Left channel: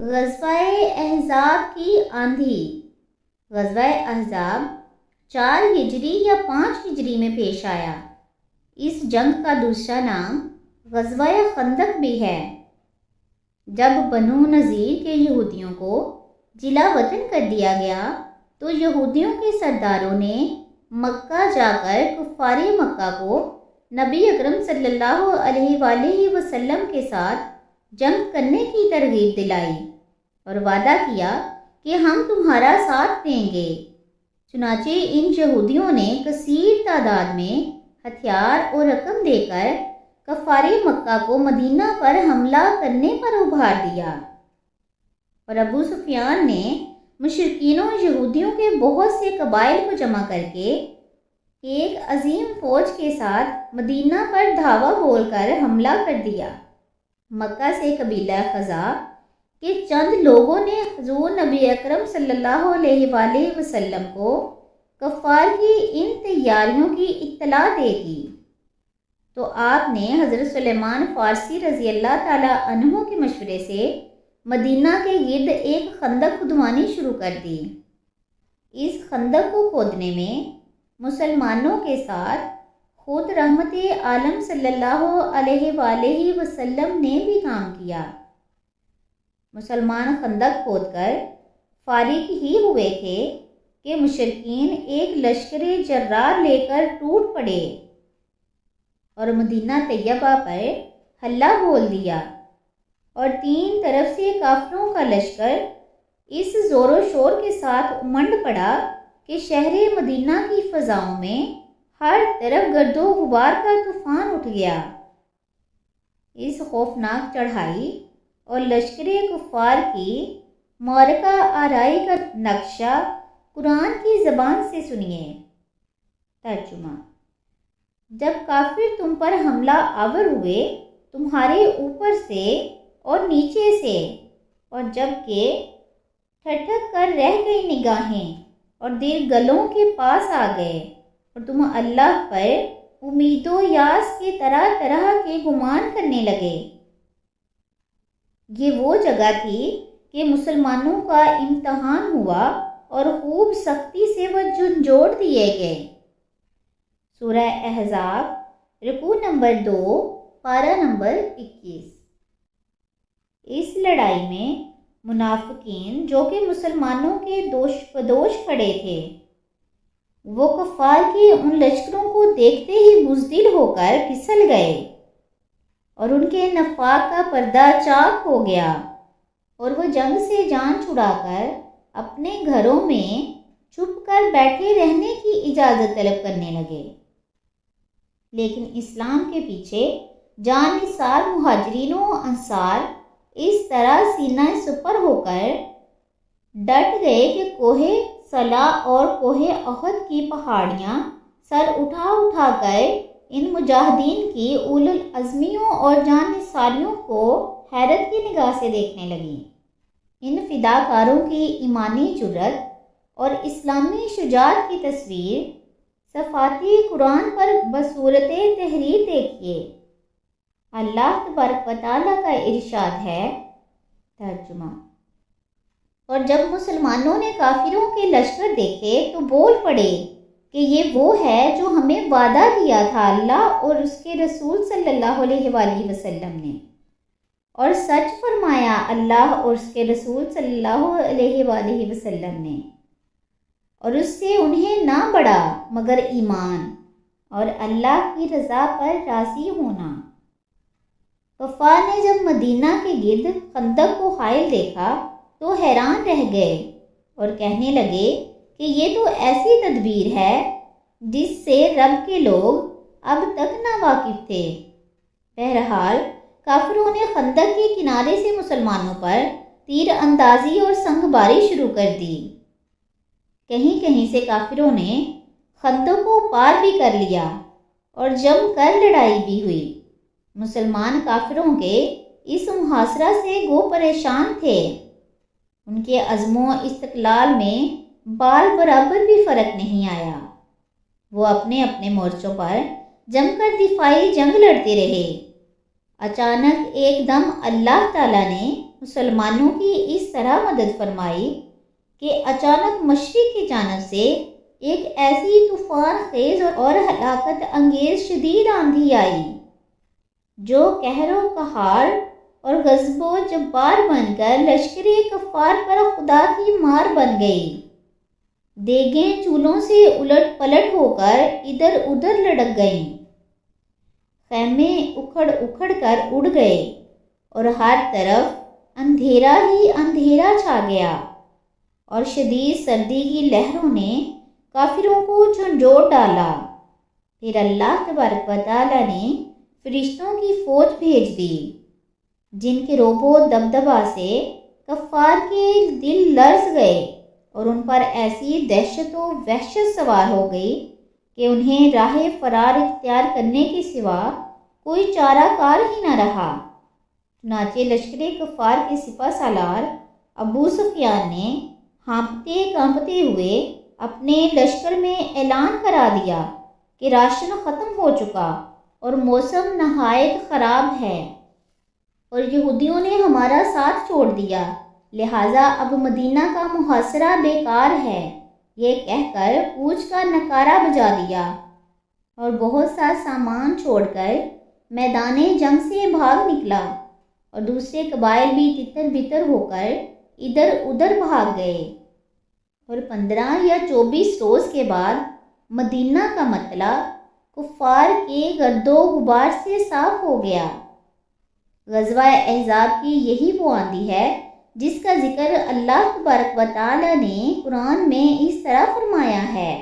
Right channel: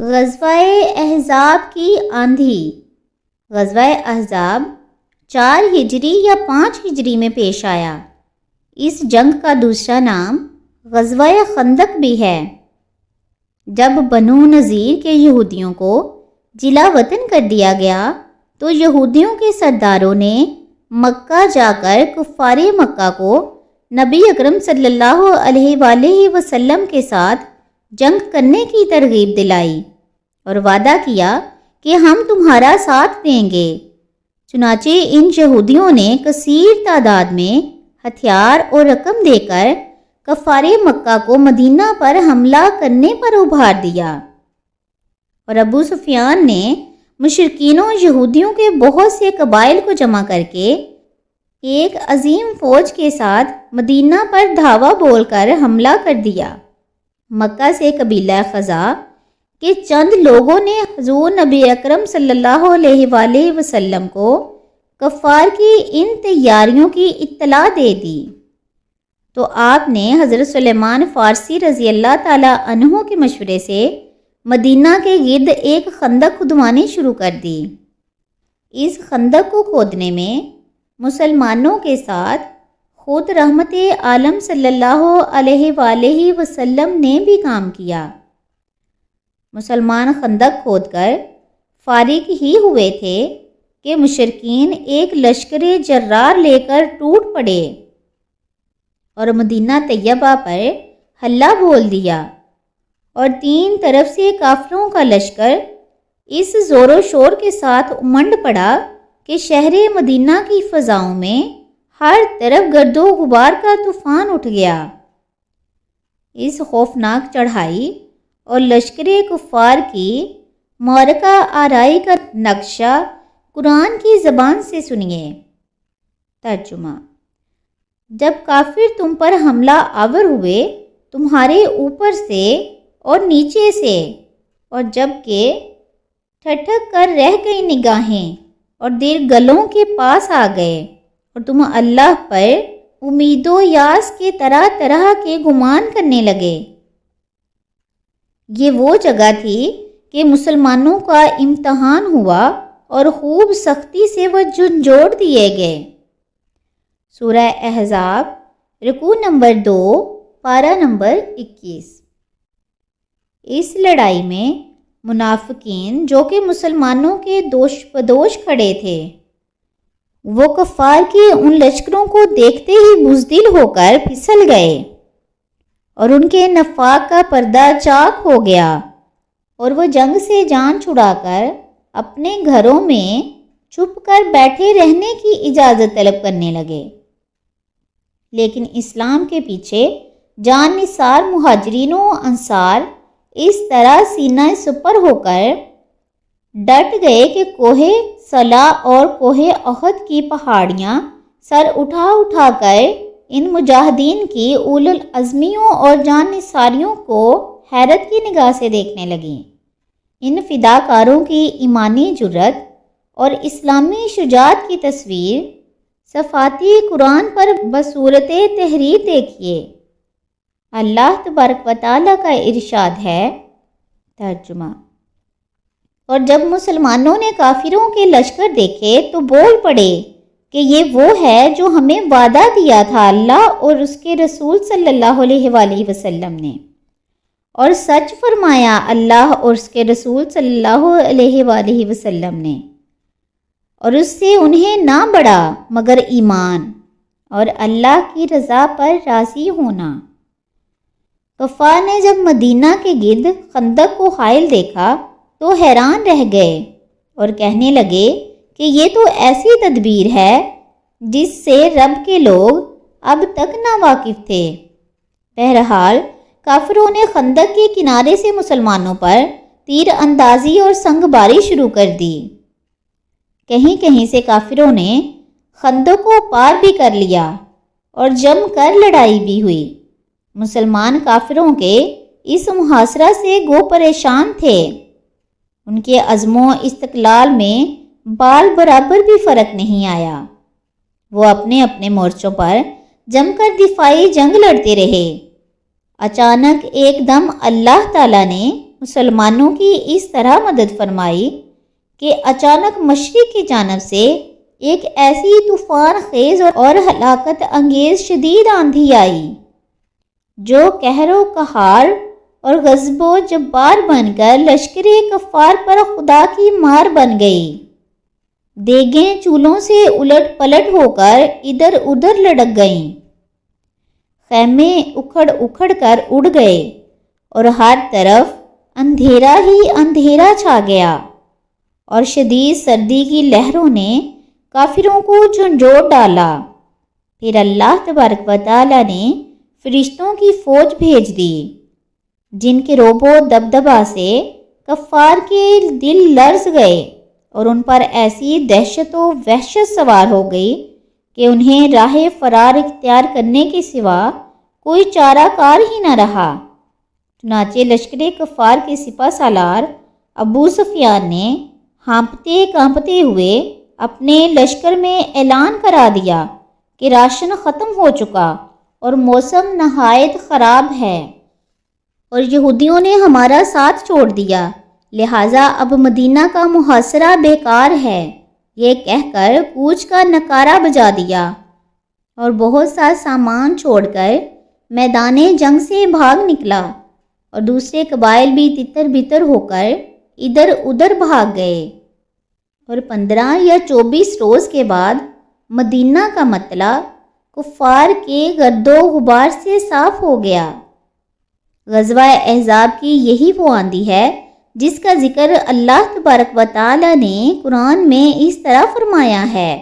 غزوہ احزاب کی آندھی۔ غزوہ احزاب 4 ہجری یا 5 ہجری میں پیش آیا۔ اس جنگ کا دوسرا نام غزوہ خندق بھی ہے۔ جب بنو نذیر کے یہودیوں کو جلا وطن کر دیا گیا تو یہودیوں کے سرداروں نے مکہ جا کر کفار مکہ کو نبی اکرم صلی اللہ علیہ وآلہ وسلم کے ساتھ جنگ کرنے کی ترغیب دلائی اور وعدہ کیا کہ ہم تمہارا ساتھ دیں گے۔ چنانچہ ان یہودیوں نے کثیر تعداد میں ہتھیار اور رقم دے کر کفار مکہ کو مدینہ پر حملہ کرنے پر ابھار دیا، اور ابو سفیان نے مشرکین و یہودیوں کے بہت سے قبائل کو جمع کر کے ایک عظیم فوج کے ساتھ مدینہ پر دھاوا بول کر حملہ کر دیا۔ مکہ سے قبیلہ خزاع کے چند لوگوں نے حضور نبی اکرم صلی اللہ علیہ وآلہ وسلم کو کفار کی ان تیاریوں کی اطلاع دے دی، تو آپ نے حضرت سلیمان فارسی رضی اللہ تعالیٰ عنہ کے مشورے سے مدینہ کے گرد ایک خندق کھدوانی شروع کر دی۔ اس خندق کو کھودنے میں مسلمانوں کے ساتھ خود رحمت عالم صلی اللہ علیہ وآلہ وسلم نے بھی کام کیا۔ مسلمان خندق کھود کر فارغ ہی ہوئے تھے کہ مشرکین ایک لشکر جرار لے کر ٹوٹ پڑے اور مدینہ طیبہ پر حلہ بول دیا، اور 3 طرف سے کافروں کا لشکر اس زور و شور کے ساتھ امنڈ پڑا کہ شہر مدینہ کی فضاؤں میں ہر طرف گرد و غبار کا طوفان اٹھ گیا۔ اس خوفناک چڑھائی اور لشکر کفار کی معرکہ آرائی کا نقشہ قرآن کی زبان سے سنیے۔ ترجمہ: جب کافر تم پر حملہ آور ہوئے تمہارے اوپر سے اور نیچے سے، اور جب کہ ٹھٹک کر رہ گئی نگاہیں اور دل گلوں کے پاس آ گئے، اور تم اللہ پر امید و یاس کے طرح طرح کے گمان کرنے لگے۔ یہ وہ جگہ تھی کہ مسلمانوں کا امتحان ہوا اور خوب سختی سے وہ جھنجھوڑ دیے گئے۔ سورہ احزاب رکوع نمبر 2 پارہ نمبر 21۔ اس لڑائی میں منافقین جو کہ مسلمانوں کے دوش بدوش کھڑے تھے، وہ کفار کے ان لشکروں کو دیکھتے ہی بزدل ہو کر پھسل گئے، اور ان کے نفاق کا پردہ چاک ہو گیا، اور وہ جنگ سے جان چھڑا کر اپنے گھروں میں چھپ کر بیٹھے رہنے کی اجازت طلب کرنے لگے۔ لیکن اسلام کے پیچھے جان نثار مہاجرین و انصار اس طرح سینہ سپر ہو کر ڈٹ گئے کہ کوہ صلا اور کوہ احد کی پہاڑیاں سر اٹھا اٹھا کر ان مجاہدین کی اولو العزمیوں اور جان نثاریوں کو حیرت کی نگاہ سے دیکھنے لگیں۔ ان فداکاروں کی ایمانی جرت اور اسلامی شجاعت کی تصویر صفاتی قرآن پر بصورت تحریر دیکھیے۔ اللہ تبارک و تعالیٰ کا ارشاد ہے۔ ترجمہ: اور جب مسلمانوں نے کافروں کے لشکر دیکھے تو بول پڑے کہ یہ وہ ہے جو ہمیں وعدہ دیا تھا اللہ اور اس کے رسول صلی اللہ علیہ وآلہ وسلم نے، اور سچ فرمایا اللہ اور اس کے رسول صلی اللہ علیہ وآلہ وسلم نے، اور اس سے انہیں نہ بڑھا مگر ایمان اور اللہ کی رضا پر راضی ہونا۔ کفار نے جب مدینہ کے گرد خندق کو حائل دیکھا تو حیران رہ گئے اور کہنے لگے کہ یہ تو ایسی تدبیر ہے جس سے رب کے لوگ اب تک نا واقف تھے۔ بہرحال کافروں نے خندق کے کنارے سے مسلمانوں پر تیر اندازی اور سنگ باری شروع کر دی۔ کہیں کہیں سے کافروں نے خندق کو پار بھی کر لیا اور جم کر لڑائی بھی ہوئی۔ مسلمان کافروں کے اس محاصرہ سے گو پریشان تھے۔ ان کے عزم و استقلال میں بال برابر بھی فرق نہیں آیا۔ وہ اپنے اپنے مورچوں پر جم کر دفاعی جنگ لڑتے رہے۔ اچانک ایک دم اللہ تعالیٰ نے مسلمانوں کی اس طرح مدد فرمائی کہ اچانک مشرق کی جانب سے ایک ایسی طوفان خیز اور ہلاکت انگیز شدید آندھی آئی جو قہر و قہار اور غضب و جبار بن کر لشکر کفار پر خدا کی مار بن گئی۔ دیگیں چولہوں سے الٹ پلٹ ہو کر ادھر ادھر لڑک گئیں، خیمے اکھڑ اکھڑ کر اڑ گئے اور ہر طرف اندھیرا ہی اندھیرا چھا گیا، اور شدید سردی کی لہروں نے کافروں کو جھنجھوڑ ڈالا۔ پھر اللہ تبارک و تعالیٰ نے فرشتوں کی فوج بھیج دی جن کے روب و دبدبا سے کفار کے دل لرز گئے اور ان پر ایسی دہشت و وحشت سوار ہو گئی کہ انہیں راہ فرار اختیار کرنے کے سوا کوئی چارہ کار ہی نہ رہا۔ چنانچہ لشکر کفار کے سپہ سالار ابو سفیان نے ہانپتے کانپتے ہوئے اپنے لشکر میں اعلان کرا دیا کہ راشن ختم ہو چکا اور موسم نہایت خراب ہے اور یہودیوں نے ہمارا ساتھ چھوڑ دیا، لہٰذا اب مدینہ کا محاصرہ بیکار ہے۔ یہ کہہ کر کوچ کا نکارہ بجا دیا اور بہت سا سامان چھوڑ کر میدان جنگ سے بھاگ نکلا، اور دوسرے قبائل بھی تتر بتر ہو کر ادھر ادھر بھاگ گئے، اور 15 یا 24 روز کے بعد مدینہ کا مطلع کفار کے گرد و غبار سے صاف ہو گیا۔ غزوہ احزاب کی یہی وہ آندھی ہے جس کا ذکر اللہ تبارک و تعالیٰ نے قرآن میں اس طرح فرمایا ہے۔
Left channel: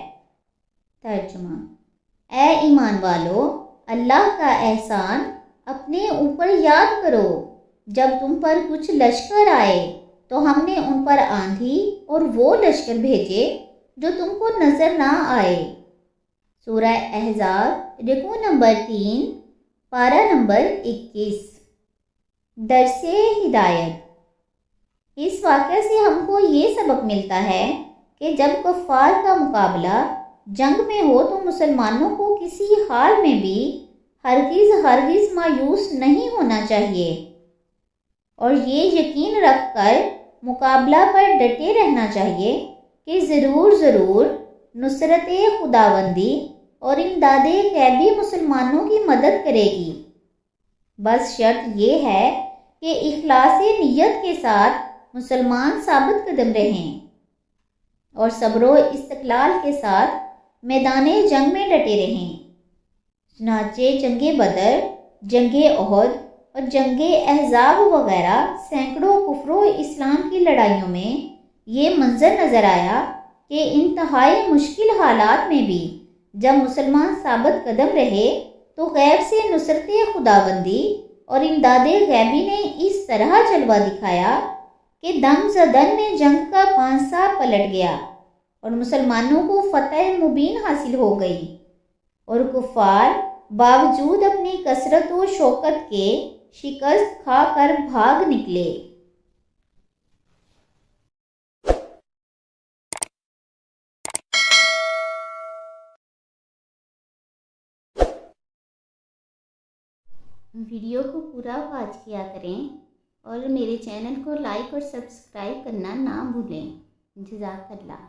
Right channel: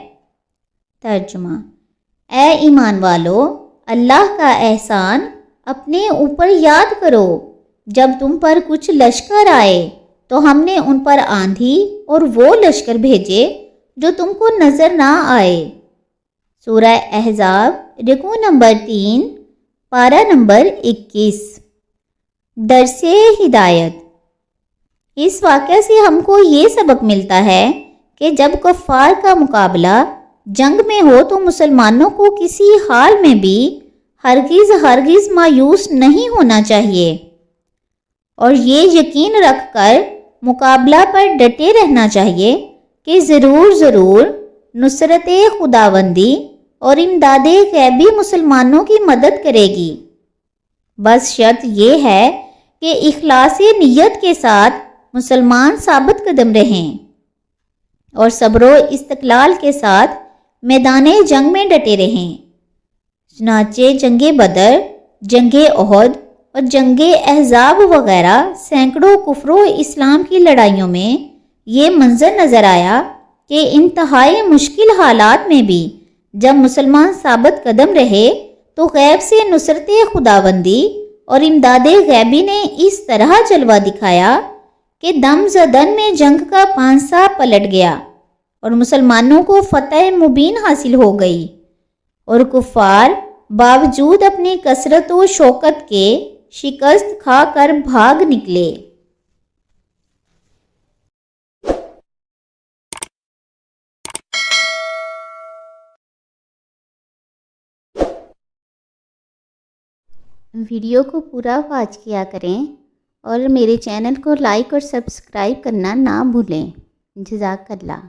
ترجمہ: اے ایمان والو، اللہ کا احسان اپنے اوپر یاد کرو۔ جب تم پر کچھ لشکر آئے تو ہم نے ان پر آندھی اور وہ لشکر بھیجے جو تم کو نظر نہ آئے۔ سورہ احزاب رکوع نمبر 3 پارہ نمبر 21۔ درس ہدایت: اس واقعہ سے ہم کو یہ سبق ملتا ہے کہ جب کفار کا مقابلہ جنگ میں ہو تو مسلمانوں کو کسی حال میں بھی ہرگز مایوس نہیں ہونا چاہیے، اور یہ یقین رکھ کر مقابلہ پر ڈٹے رہنا چاہیے کہ ضرور نصرت خداوندی اور امداد غیبی مسلمانوں کی مدد کرے گی۔ بس شرط یہ ہے کہ اخلاص نیت کے ساتھ مسلمان ثابت قدم رہیں اور صبر و استقلال کے ساتھ میدان جنگ میں ڈٹے رہیں۔ چنانچہ جنگ بدر، جنگ احد اور جنگ احزاب وغیرہ سینکڑوں کفر و اسلام کی لڑائیوں میں یہ منظر نظر آیا کہ انتہائی مشکل حالات میں بھی جب مسلمان ثابت قدم رہے تو غیب سے نصرت خداوندی اور امداد غیبی نے اس طرح جلوہ دکھایا کہ دم زدن میں جنگ کا پانسا پلٹ گیا اور مسلمانوں کو فتح مبین حاصل ہو گئی، اور کفار باوجود اپنی کثرت و شوکت کے شکست کھا کر بھاگ نکلے۔ ویڈیو کو پورا واچ کیا کریں اور میرے چینل کو لائک اور سبسکرائب کرنا نہ بھولیں۔ جزاک اللہ۔